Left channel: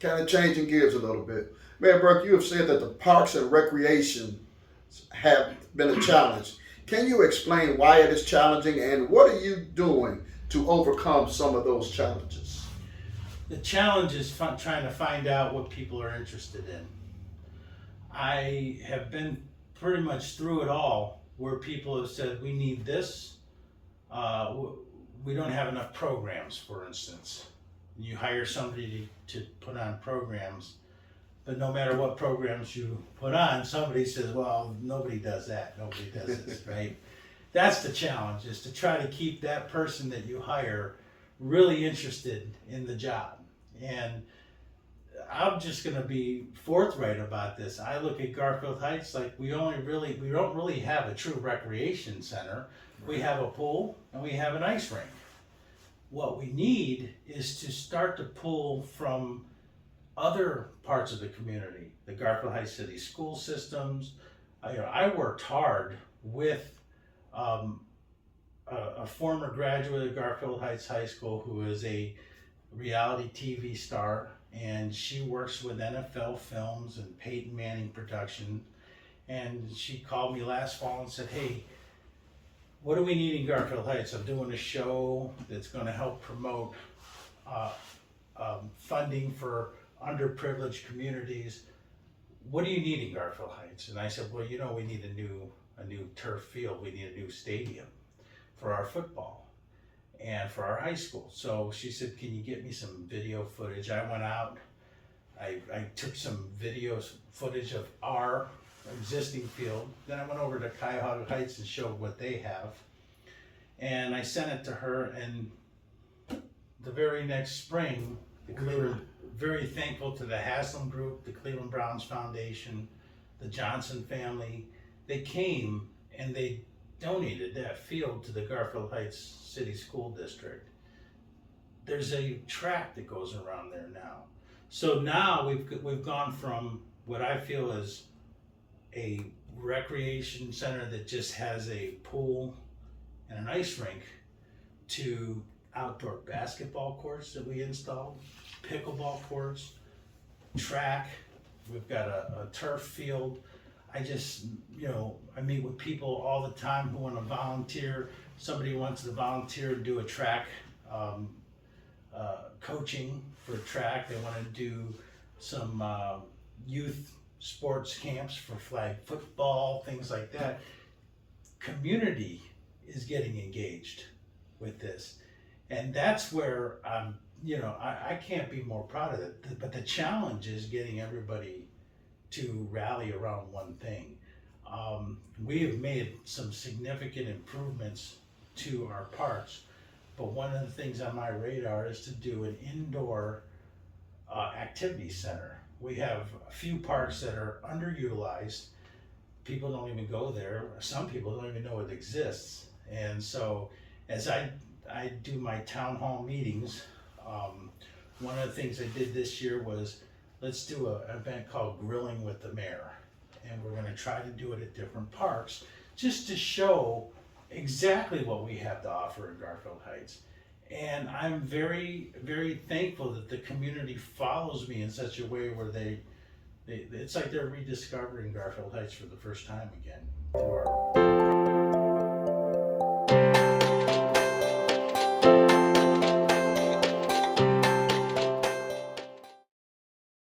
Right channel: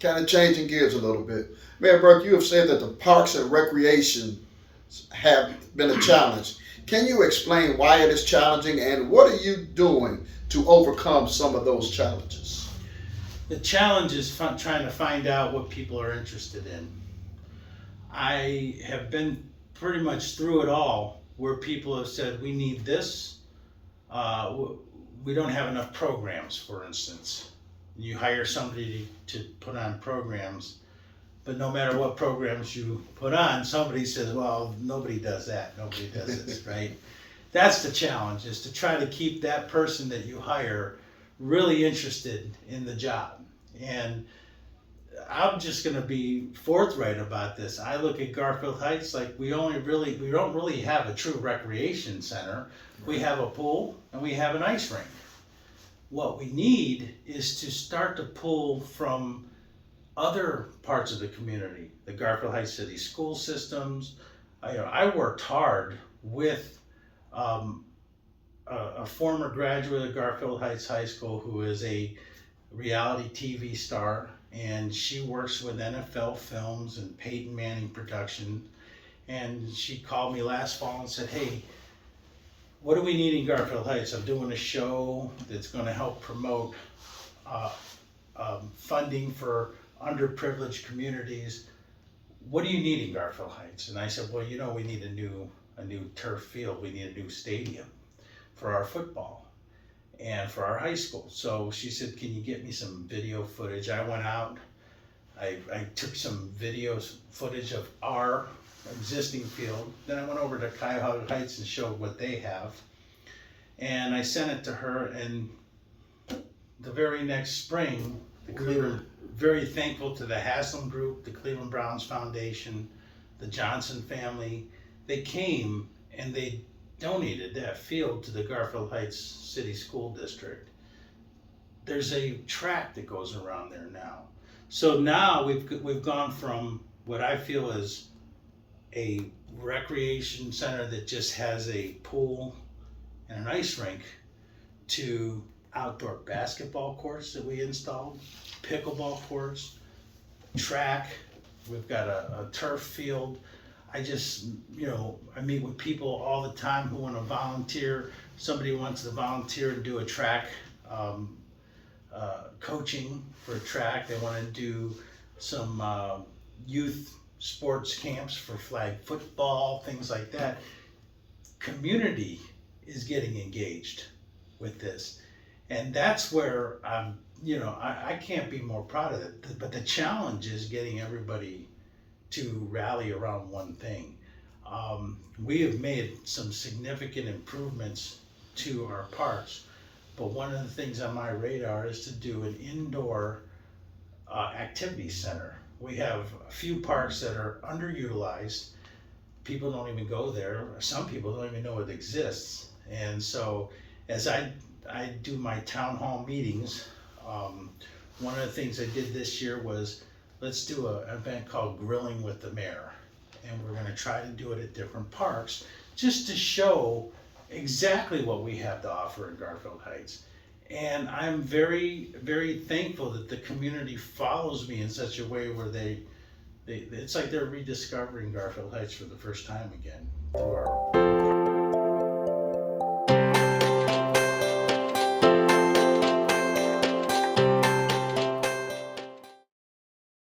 Kind of changing gears a little bit. Mayor Burke, you have said that the parks and recreation have been a challenge. Can you explain why it is challenging and what are you doing to overcome some of those challenges? The challenge is trying to find out what people are interested in. I have been pretty much through it all where people have said, we need this. We don't have enough programs, for instance. You hire somebody to put on programs, but no matter what programs you put on, somebody says, well, nobody does that, nobody does this, right? That's the challenge, is to try to keep that person that you hire really interested in the job. And I'm just gonna be forthright about this. I look at Garfield Heights like we don't really have a true recreation center. We have a pool and we have an ice rink. What we need is to start to pull from other parts of the community, the Garfield Heights City school systems. I worked hard with a former graduate of Garfield Heights High School who is a reality TV star, and she works with NFL Films and Peyton Manning Production. And she called me last fall and said, hey, what do we need in Garfield Heights? I'm doing a show that's going to help promote funding for underprivileged communities. What do you need in Garfield Heights? And I said, well, we need a new turf field. We need a new stadium for our football and for our high school. So she said, can you get me some video footage? I went out, I took some footage of our existing field. Then I went over to Kayaking Heights and showed what they have. And I sent it to her, and the very next spring, we were very thankful to the Haslam Group, the Cleveland Browns Foundation, the Johnson family. They came and they donated that field to the Garfield Heights City School District. There's a track that goes around there now. So now we've gone from what I feel is a recreation center that just has a pool and an ice rink to outdoor basketball courts that we installed, pickleball courts, track. We've got a turf field. I meet with people all the time who want to volunteer. Somebody wants to volunteer to do a track coaching for a track. They want to do some youth sports camps for flag football, things like that. Community is getting engaged with this. And that's where I can't be more proud of it. But the challenge is getting everybody to rally around one thing. We have made some significant improvements to our parks, but one of the things on my radar is to do an indoor activity center. We have a few parks that are underutilized. People don't even go there. Some people don't even know it exists. And so as I do my town hall meetings, one of the things I did this year was, let's do an event called Grilling with the Mayor. And we're gonna try to do it at different parks, just to show exactly what we have to offer in Garfield Heights. And I'm very, very thankful that the community follows me in such a way where it's like they're rediscovering Garfield Heights for the first time again through our